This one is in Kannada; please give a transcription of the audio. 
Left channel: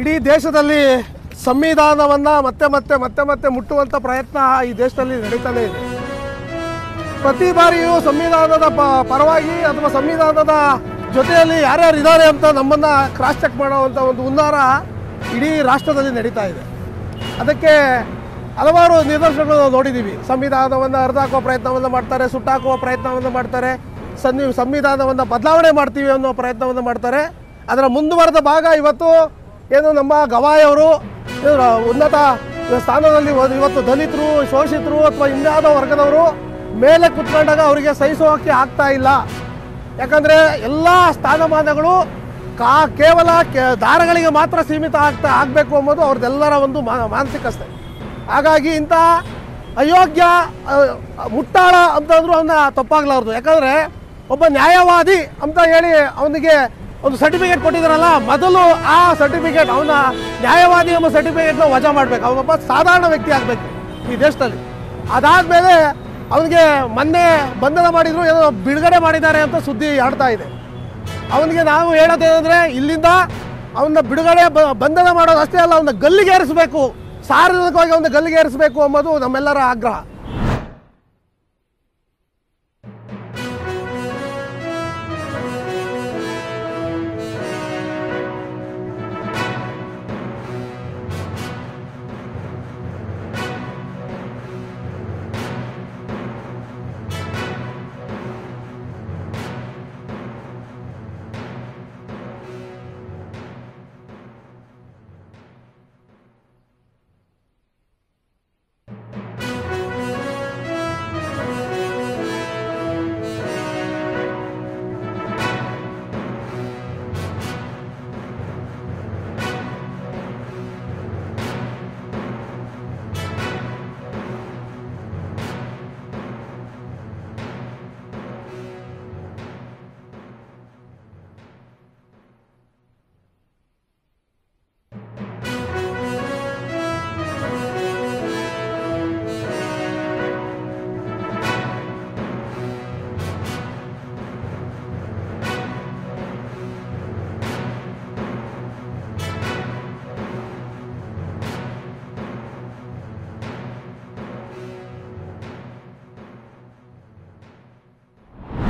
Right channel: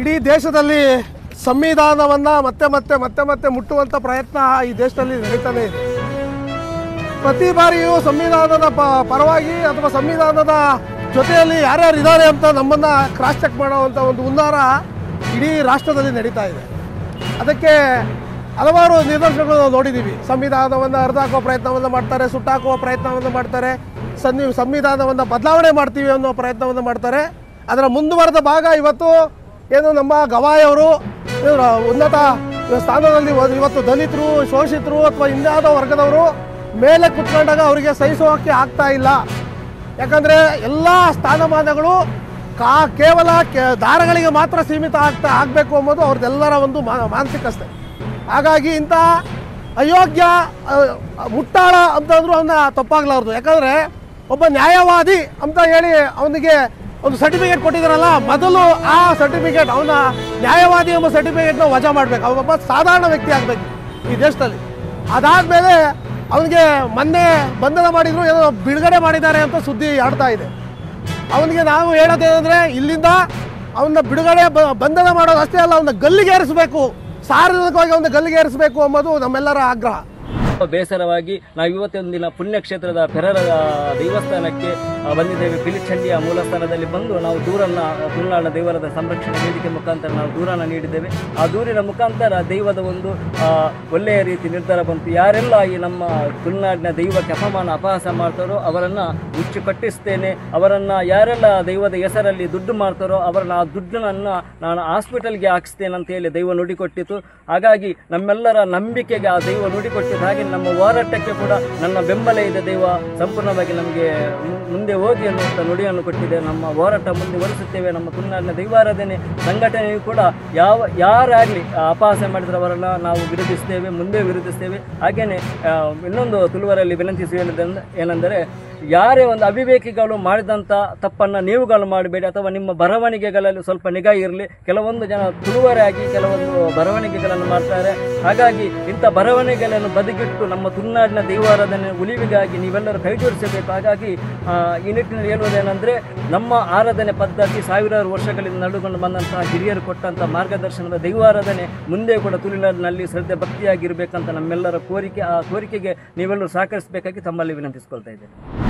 ಇಡೀ ದೇಶದಲ್ಲಿ ಸಂವಿಧಾನವನ್ನು ಮತ್ತೆ ಮತ್ತೆ ಮತ್ತೆ ಮತ್ತೆ ಮುಟ್ಟುವಂಥ ಪ್ರಯತ್ನ ಈ ದೇಶದಲ್ಲಿ ನಡೀತಾನೆ ಇದೆ. ಪ್ರತಿ ಬಾರಿಯೂ ಸಂವಿಧಾನದ ಪರವಾಗಿ ಅಥವಾ ಸಂವಿಧಾನದ ಜೊತೆಯಲ್ಲಿ ಯಾರ್ಯಾರು ಇದ್ದಾರೆ ಅಂತ ನಮ್ಮನ್ನು ಕ್ರಾಸ್ ಚೆಕ್ ಮಾಡುವಂಥ ಒಂದು ಹುನ್ನಾರ ಇಡೀ ರಾಷ್ಟ್ರದಲ್ಲಿ ನಡೀತಾ ಇದೆ. ಅದಕ್ಕೆ ಹಲವಾರು ನಿದರ್ಶನಗಳು ನಾವು ನೋಡಿದ್ದೀವಿ. ಸಂವಿಧಾನವನ್ನು ಹರಿದಾಕುವ ಪ್ರಯತ್ನವನ್ನು ಮಾಡ್ತಾರೆ, ಸುಟ್ಟಾಕುವ ಪ್ರಯತ್ನವನ್ನು ಮಾಡ್ತಾರೆ, ಸಂವಿಧಾನವನ್ನು ಬದಲಾವಣೆ ಮಾಡ್ತೀವಿ ಅನ್ನೋ ಪ್ರಯತ್ನವನ್ನು ಮಾಡ್ತಾರೆ. ಅದರ ಮುಂದುವರೆದ ಭಾಗ ಇವತ್ತು ಏನು ನಮ್ಮ ಗವಾಯಿಯವರು ಉನ್ನತ ಸ್ಥಾನದಲ್ಲಿ ಇವತ್ತು ದಲಿತರು, ಶೋಷಿತರು ಅಥವಾ ಇನ್ಯಾವುದೋ ವರ್ಗದವರು ಮೇಲೆ ಕುತ್ಕೊಂಡಾಗ ಅವರಿಗೆ ಸಹಿಸೋಕ್ಕೆ ಆಗ್ತಾ ಇಲ್ಲ. ಯಾಕಂದರೆ ಎಲ್ಲ ಸ್ಥಾನಮಾನಗಳು ಕೇವಲ ದಾರಗಳಿಗೆ ಮಾತ್ರ ಸೀಮಿತ ಆಗಬೇಕು ಅನ್ನೋದು ಅವ್ರದ್ದೆಲ್ಲರ ಒಂದು ಮಾನಸಿಕತೆ. ಹಾಗಾಗಿ ಇಂಥ ಅಯೋಗ್ಯ ಮುಟ್ಟಾಳ ಅಂತಂದ್ರೂ ಅವನ್ನ ತಪ್ಪಾಗಲಾರ್ದು. ಯಾಕಂದರೆ ಒಬ್ಬ ನ್ಯಾಯವಾದಿ ಅಂತ ಹೇಳಿ ಅವನಿಗೆ ಒಂದು ಸರ್ಟಿಫಿಕೇಟ್ ಕೊಟ್ಟಿದ್ದಾರಲ್ಲ, ಮೊದಲು ಆ ಸರ್ಟಿಫಿಕೇಟ್ ಅವನ ನ್ಯಾಯವಾದಿ ಎಂಬ ಸರ್ಟಿಫಿಕೇಟ್ನ ವಜಾ ಮಾಡಬೇಕು. ಅವನೊಬ್ಬ ಸಾಧಾರಣ ವ್ಯಕ್ತಿ ಆಗಬೇಕು ಈ ದೇಶದಲ್ಲಿ. ಅದಾದಮೇಲೆ ಅವನಿಗೆ ಮೊನ್ನೆ ಬಂಧನ ಮಾಡಿದ್ರು, ಏನೋ ಬಿಡುಗಡೆ ಮಾಡಿದ್ದಾರೆ ಅಂತ ಸುದ್ದಿ ಆಡ್ತಾ ಇದೆ. ಅವನಿಗೆ ನಾವು ಹೇಳೋದೇನೆಂದರೆ, ಇಲ್ಲಿಂದ ಅವನ್ನ ಬಿಡುಗಡೆ ಬಂಧನ ಮಾಡೋದು ಅಷ್ಟೇ ಅಲ್ಲ, ಅವನ್ನ ಗಲ್ಲಿಗೇರಿಸಬೇಕು, ಸಾರ್ವಜನಿಕವಾಗಿ ಅವನ್ನ ಗಲ್ಲಿಗೇರಿಸಬೇಕು ಅನ್ನೋದು ನಮ್ಮೆಲ್ಲರ ಆಗ್ರಹ. ಬೇಸರವಾಗಿ ನಾವು ಇವತ್ತೊಂದು ದಿನ ಪುಣ್ಯಕ್ಷೇತ್ರದ ಪೆರರ ದೇವಸ್ಥಾನಕ್ಕೆ ಬಂದಿದ್ದೇವೆ. ಪಿಲಿಚಂಡಿಯ ಮೂಲ ಸ್ಥಾನದಲ್ಲಿ ಬಂದು ನಾವು ತುಳುನಾಡಿನ ದೇವರದ ಸಂರಕ್ಷಣೆ ವೇದಿಕೆ ಮುಖಾಂತರ ನಾವು ದೂರನ್ನು ನೀಡಿದ್ದೇವೆ. ಆ ದೂರಿನ ಮುಖಾಂತರ ದೈವದ ಒಂದು ಒಳ್ಳೆಯ ರೀತಿ ನಿರ್ಧಾರ ಬಂತು. ಯಾರೆಲ್ಲ ಈ ನಮ್ಮ ತುಳುನಾಡಿನ ದೈವಕ್ಕೆ ಅಪಮಾನ ಅಪಹಾಸ ಮಾಡ್ತಾರೋ ಅವರನ್ನು ಮುಚ್ಚಿ ಕಟ್ಟಿಸ್ತೇನೆ, ಅವರನ್ನು ಯಾರೆಲ್ಲ ದೈವದ ಹೆಸರಲ್ಲಿ ದುಡ್ಡು ಮಾಡ್ತಾರೋ ಅವರನ್ನು ಆ ದುಡ್ಡನ್ನು ನಾನು ಹಾಸ್ಪಿಟಲ್ಗೆ ಹಾಕಿಸ್ತೇನೆ ಅಂತ ಹೇಳಿ ದೈವ ನುಡಿಕೊಟ್ಟಿತು. ಹಾಗಾಗಿ ನಮ್ಮೆಲ್ಲರ ನಂಬಿಕೆಗೆ ಆ ದೈವ ನುಡಿಕೊಟ್ಟಿದ್ದು. ಹಾಗೆ ನಮ್ಮ ಹೋರಾಟಕ್ಕೆ ಕೂಡ ನನ್ನ ಬೆಂಬಲ ಇದೆ. ದೈವ ಸಂಪೂರ್ಣವಾಗಿ ನನಗೆ ಮುಂದೆ ಹೋಗಿ ಅನ್ನುವಂಥ ನುಡಿಯನ್ನು ಕೊಟ್ಟಿದೆ. ನಮ್ಮ ಹೋರಾಟ ಮುಂದುವರಿಸುತ್ತೇವೆ. ನಮ್ಮ ತುಳುನಾಡಿನ ದೈವಾರಾಧನೆ ಸಂಘಟನೆಯು ಕೂಡ ಯಾರಾಗಲಿ ಅಪಹಾಸ ಮಾಡಿದ್ರೆ ಅವರನ್ನು ನಾವು ವಿರೋಧಿಸ್ತೇವೆ, ಮುಂದೆ ವಿರೋಧಿಸ್ತೇವೆ. ಹಾಗೆಯೇ ಇನ್ನೊಂದು ತುಳುವರಲ್ಲಿ ವಿನಂತಿಸುವ ಏನೆಂದರೆ, ಯಾರೇ ಒಂದು ಅವಿವೇಕಿಗಳು ಮಾಡಿದಂಥ ತಪ್ಪನ್ನು ನೀವುಗಳು ಮಾಡಬೇಡಿ, ಅಥವಾ ನಿಮ್ಮ ಬರವಣಿಗೆಗಳಲ್ಲಿ ಸ್ವಲ್ಪ ನಿಗಾ ಇರಲಿ. ಕೆಲವೊಂದು ಜನ ತುಳುವರಾಗಿ ಕೆಲವೊಂದು ಬರವಣಿಗೆಗಳನ್ನು ಮಾಡ್ತಾರೆ. ಹಾಗಾಗಿ ಇಂಥ ಬರವಣಿಗೆಗಳನ್ನು ಬದಿಗಿಟ್ಟು ನಮ್ಮ ತುಳುನಾಡಿನ ದೈವಾರಾಧನೆ ಉಳಿವಿಗಾಗಿ ನೀವೆಲ್ಲರೂ ಕೈ ಜೋಡಿಸಬೇಕು. ಹಾಗಾಗಿ ಈ ನಿಟ್ಟಿನಲ್ಲಿ ಹೇಳುವುದೇನೆಂದರೆ, ನಮ್ಮ ಆರಾಧನೆ ಪದ್ಧತಿ ಸಾವಿರಾರು ವರ್ಷಗಳಿಂದ ನಡೆದುಕೊಂಡು ಬಂದಂತಹ ಹಿರಿಯರು ಕೊಟ್ಟಂಥ ಮಾರ್ಗದರ್ಶನದ ದೈವಾರಾಧನೆ ಮುಂದೆ ಕೂಡ ತುಳುನಾಡಿನಲ್ಲಿ ಶ್ರದ್ಧೆ ಭಕ್ತಿಯಾಗಿರಬೇಕಂತ ನಮ್ಮೆಲ್ಲರ ಕೋರಿಕೆ. ಆ ಕೋರಿಕೆಗೆ ನೀವೆಲ್ಲರೂ ಸಹಕರಿಸಬೇಕಾಗಿ ತಮ್ಮಲ್ಲಿ ವಿನಂತಿಸಿಕೊಳ್ತಾ ಇದ್ದೇನೆ.